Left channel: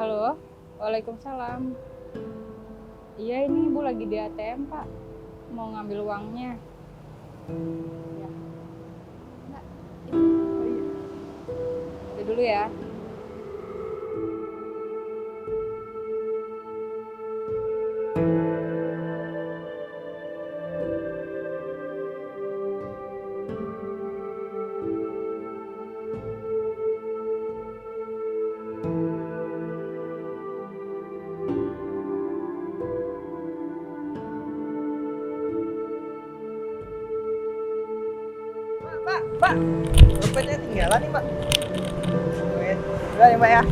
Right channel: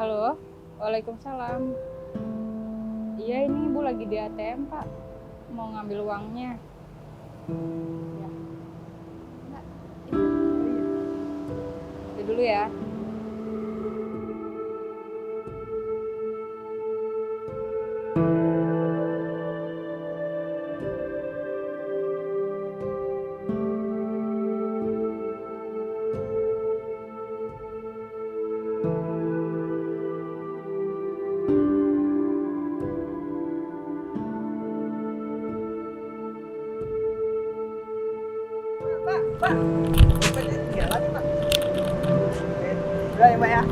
Halo, Waalaikumsalam. Iya ini Ibu lagi di ATM Pak, mau ngambil uangnya. Ya, enggak, itu, oh iya. Itu dulu ya. Mbak, dompetnya tinggalan nih, Mbak. Udah ya, Mbak ya.